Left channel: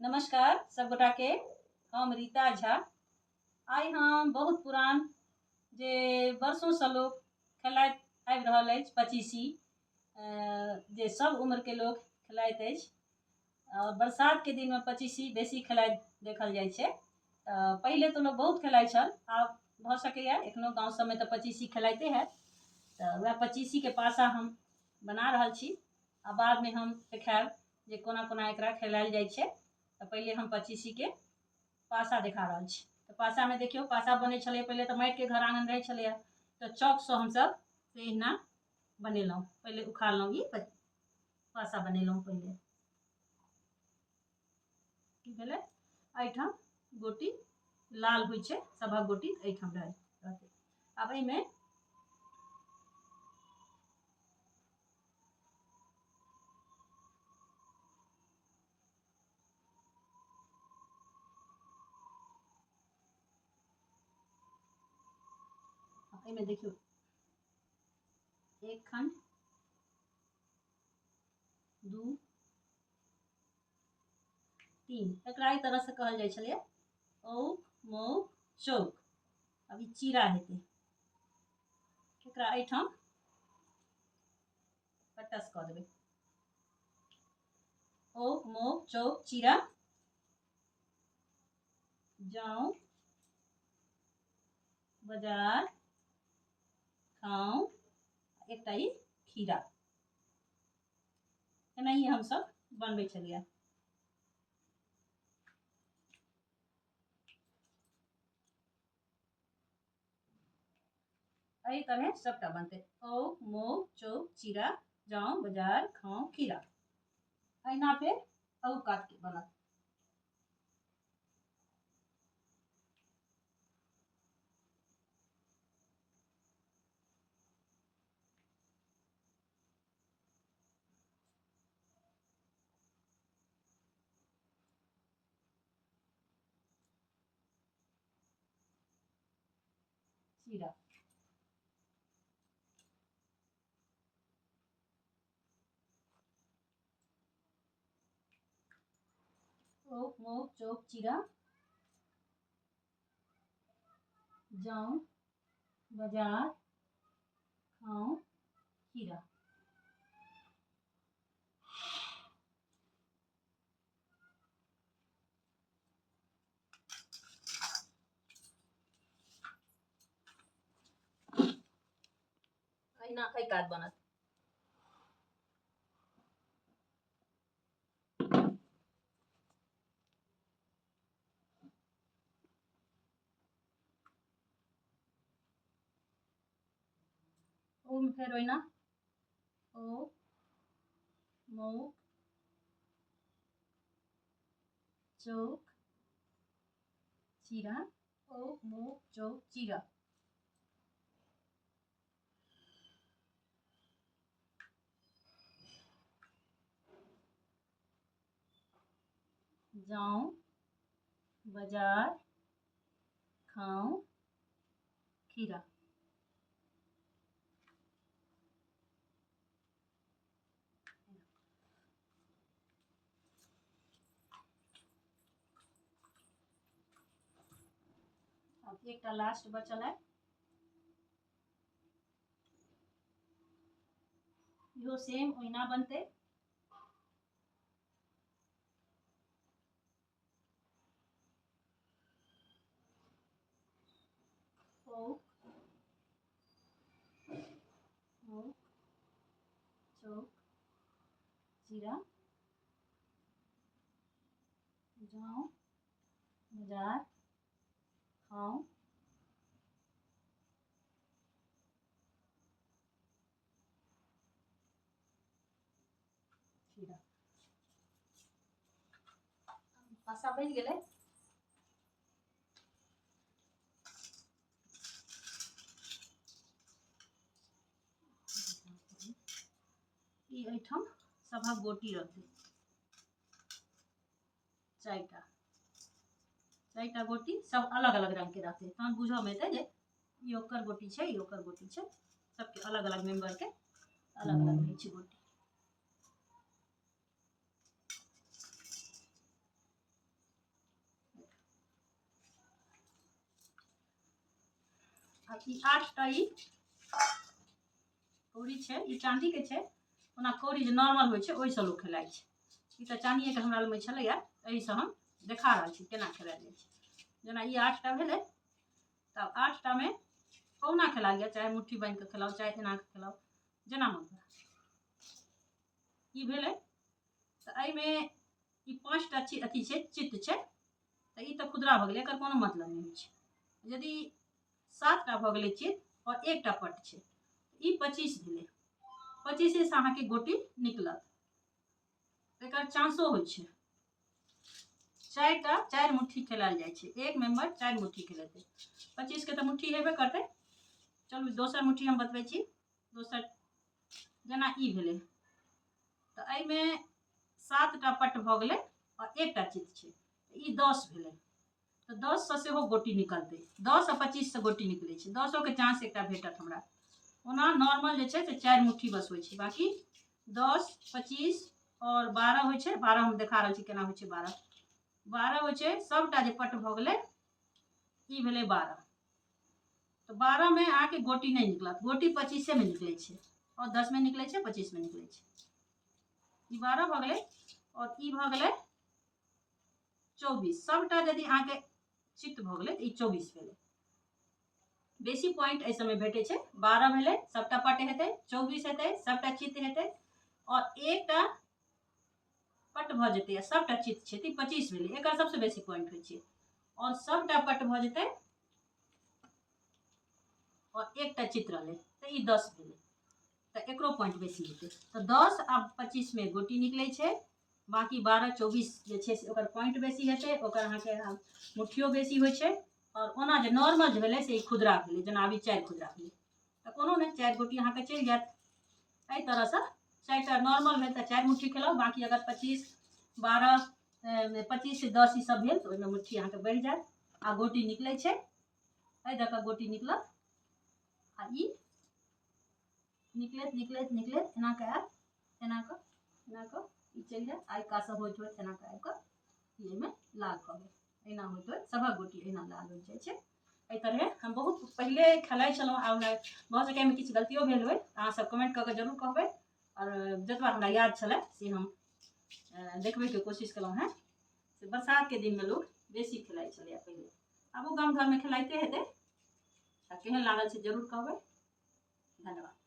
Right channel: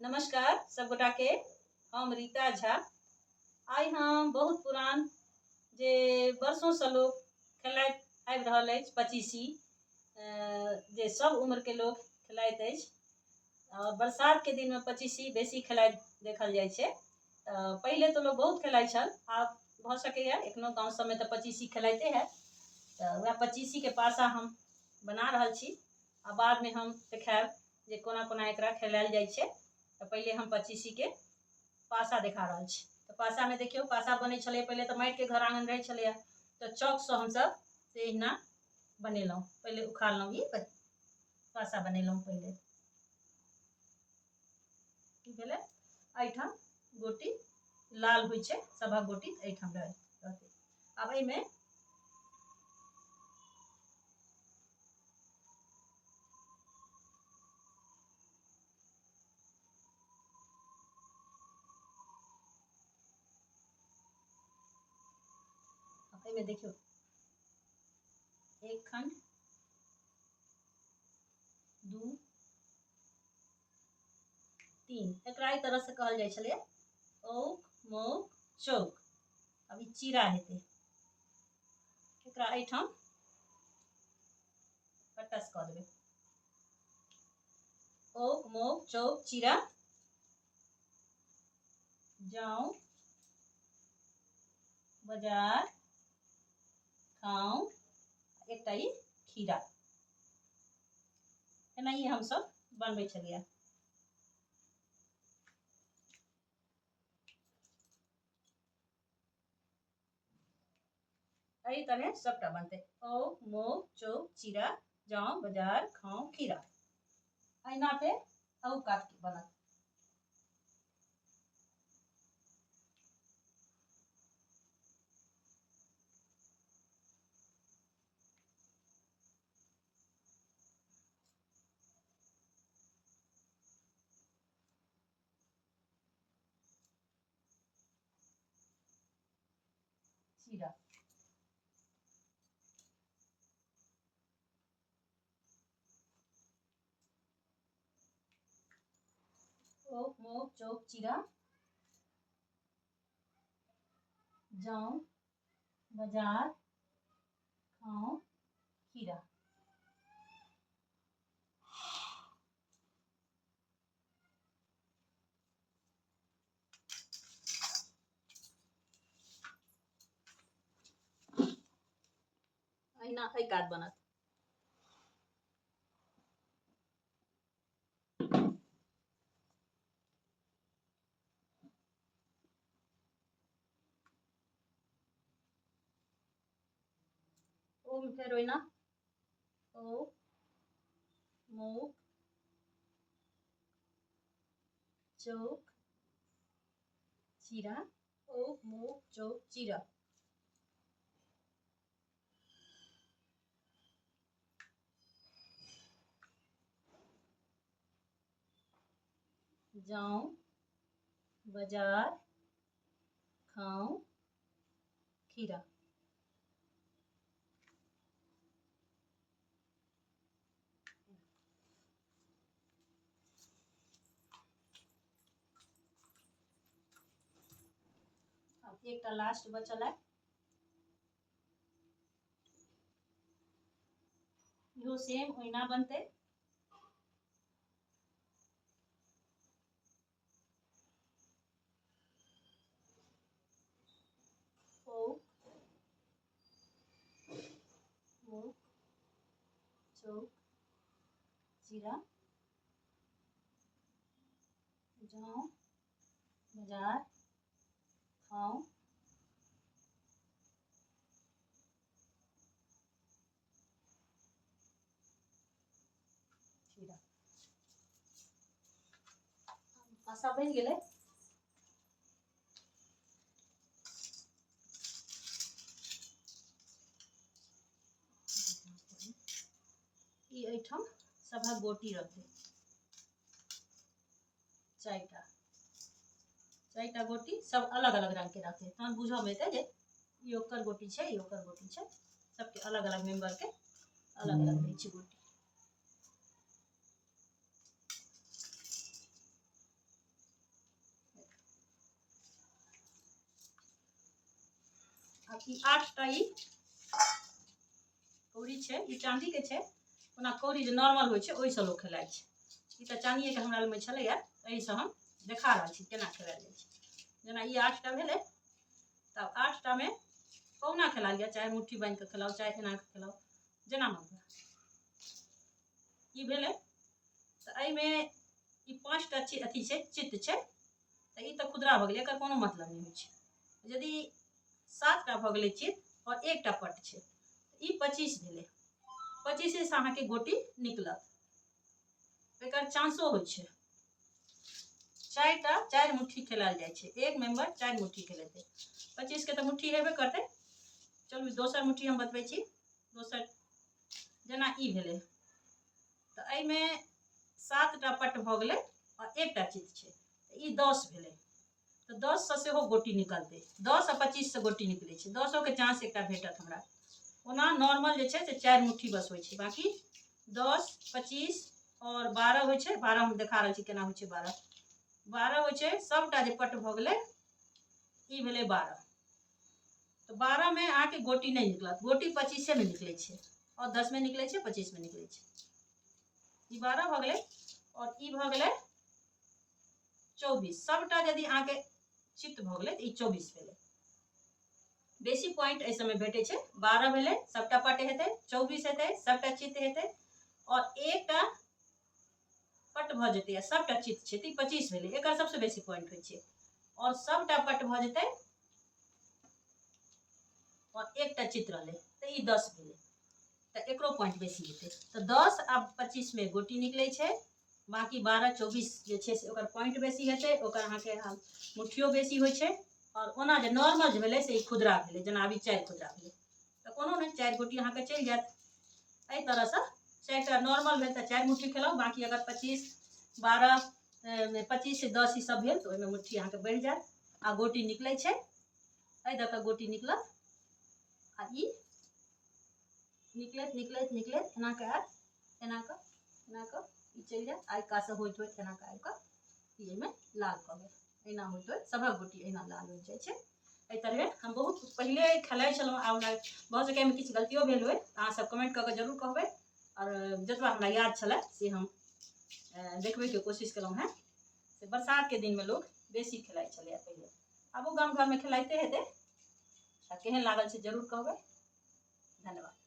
नमस्कार सब गोटा के। हम रीता झा। आइ हम बहुत पुरान जे वर्षों से लोग खेलाइत आबि रहल अछि पचीसी, जे सब उम्र के लोग खेलाइत अछि। बरसात के दिन में पचीसी बेसी खेलाइत देखल जाइ छै। पहिले तो लोग बहुत खेलाइत छल, आब भऽ सकैए एखनो गाँव सबमे तऽ पचीसी खेलाइते हैत। तऽ वएह पचीसी के पासा हम बना रहल छी आ बाद में हम देखायब जे कोना कोना एकरा खेलायल जाइ छै। तऽ पहिले हम पचीसी के पासा देखा रहल छी। तऽ पासा में देखियौ, पासा बनै छलै पहिले तऽ माटि के घर आंगन रहै छलैए, तऽ चौक से हमसब से अहिना बनेलहुँ। पहिले उखाड़लहुँ, ई पासा बनेलहुँ पहिले। की भेलै, एहिठाम गोटी लाल होइ छै, सभक गोटी एहिठाम रहतै। आब एहिमे देखियौ, एक खंड, दू, तीन, एकरा एहि तरह से कहल जाइ छलै औक मौक चौक। अब ई चीरा हेतै, एकरा एहिठाम कटस कऽ देबै। औक मौक चौक चीरा, जाउन बाजार खाउ, एकटा ई खीरा। एनाही हमसब बनबै छलियै। एहि तरह सबटा बनतै। औक मौक चौक चीरा, जाउन बाजार खाउ खीरा। अहिना पे औ काट के बनत। चीरा, औक मौक चौक चीरा, जाउन बाजार खाउ खीरा। अहिना एहि कात बनत। ओम फेर ओहिना औक मौक चौक चीरा, औक मौक चौक चीरा। जाउन बाजार खाउ खीरा। अब एकटा लास्ट बचल है, इहो सेम ओहिना बनतै। औक मौक चौक चीरा, जाउन बाजार खाउ खीरा। पासा बनि गेलै। ई एहिठाम सभक गोटी रहतै, चारिटा गोटी सब अलग अलग रंग के रहतै। तहन बुझऽ मे एतै जे ई ओकर गोटी छै, ई ओकर गोटी छै। सबके अलग अलग मेंबर के अलग अलग रहै छै गोटी। अब ई 8टा ई कौड़ी छै, ई चाँदी के छै। ओना कौड़ी जे नॉर्मल होइ छै ओहिसँ लोक खेलाइ छै। ई तऽ चाँदिएके हमरा लगमे छलैए, एहिसँ हम देखा रहल छी केना खेलायल जाइ छै। जेना ई 8टा भेलै, तब 8टा में कहुना खेला लिअ, चाहे मुट्ठी बांधि कऽ खेलाउ, चाहे एना कऽ खेलाउ, जेना मन हुए। ई भेलै। तऽ एहिमे ई 5टा अथी छै, चित्त छै। तऽ ई तऽ खुदरा भऽ गेलै, एकर कोनो मतलब नहि होइ छै। यदि 7टा भऽ गेलै चित्त और 1टा पट छै, ई 25 भेलै। 25 से अहाँके गोटी निकलत, एकर चांसो होइ छै। 4 मुट्ठी खेलायल जाइ छै, एक मेंबर 4 मुट्ठी खेलेतै। 25 के तऽ मुट्ठी हेबे करतै। चलू दोसर मुट्ठी हम बतबै छी। दोसर जेना ई भेलै, तऽ एहिमे 7टा पट भऽ गेलै और 1टा चित्त छै, ई 10 भेलै। तऽ 10 से सेहो गोटी निकलतै। 10 आ 25 से गोटी निकलै छै, 10ओ के चांस एकटा भेटत हमरा। ओना नॉर्मल जे छै से 4 मुट्ठी बस होइ छै, बाकी 10, 25 और 12 होइ छै। 12 हम देखा रहल छी केना होइ छै। 12 होइ छै। सबटा जे पट भऽ गेलै, ई भेलै 12। तो 12 में आके गोटी नहीं निकलत, गोटी 25 में निकले छै, और 10 में निकले छै, 25 में निकले छै। ई 12 भऽ गेलै और ई भऽ गेलै 24। सबटा यदि आके चित्त भऽ गेलै तऽ ई 24 भेलै। बेसी पॉइंट एहि समय भेटै छै। 12 भेलै, सबटा पट हेतै, 24 हेतै, सबटा चित्त हेतै, और एकटा पट भऽ जेतै आ सबटा चित्त छै, तऽ 25 भेलै। एकर सबसँ बेसी पॉइंट होइ छै। और सबटा पट भऽ जेतै और एकटा चित्त रहलै, तऽ ई 10 भेलै। तऽ एकरो पॉइंट बेसी हेतै। तऽ 10 आ 25 में गोटी निकलै छै, बाकी 12, 24 जे छै से ओकर पॉइंट बेसी हेतै, ओकर अहाँके मुट्ठियो बेसी होइ छै। और ओना जे नॉर्मल जे भेलै से ई खुदरा भेलै, जेना अभी 4 खुदरा भेलै। तऽ कोनो नहि, 4 गोटी अहाँके चलि जायत। एहि तरहसँ 4टा नॉर्मल भेल तऽ 4 मुट्ठी खेलाउ, बाकी अगर 25, 12, 25 से 10 ई सब भेल तऽ ओहिमे मुट्ठी अहाँके बढ़ि जायत आ गोटी निकलै छै। एहि दऽ कऽ गोटी निकलत आ ई निकलैत निकलैत निकलैत एना कऽ आयत, एना कऽ ई चलि जायत। आ कासँ होइत होइत एना कऽ आबि कऽ ई एहिमे लाल कऽ गेल। एना होइत होइत सभक गोटी एना लाल हो जाइ छै। एहि तरहे हम बहुत पहिले खेलाइ छलहुँ। आ हमरा भऽ सकै एहिमे किछु गलतियो भेल होय, अहाँसभ कमेंट कऽ कऽ जरूर कहबै। और जतबा हमरा याद छलै से हम देखबैके कोशिश केलहुँ हेँ। से बरसातके दिनमे लोक बेसी खेलाइ छलैए पहिले। आबो गाम घरमे खेलाइते हेतै। केहन लागल से जरूर कहबै। धन्यवाद।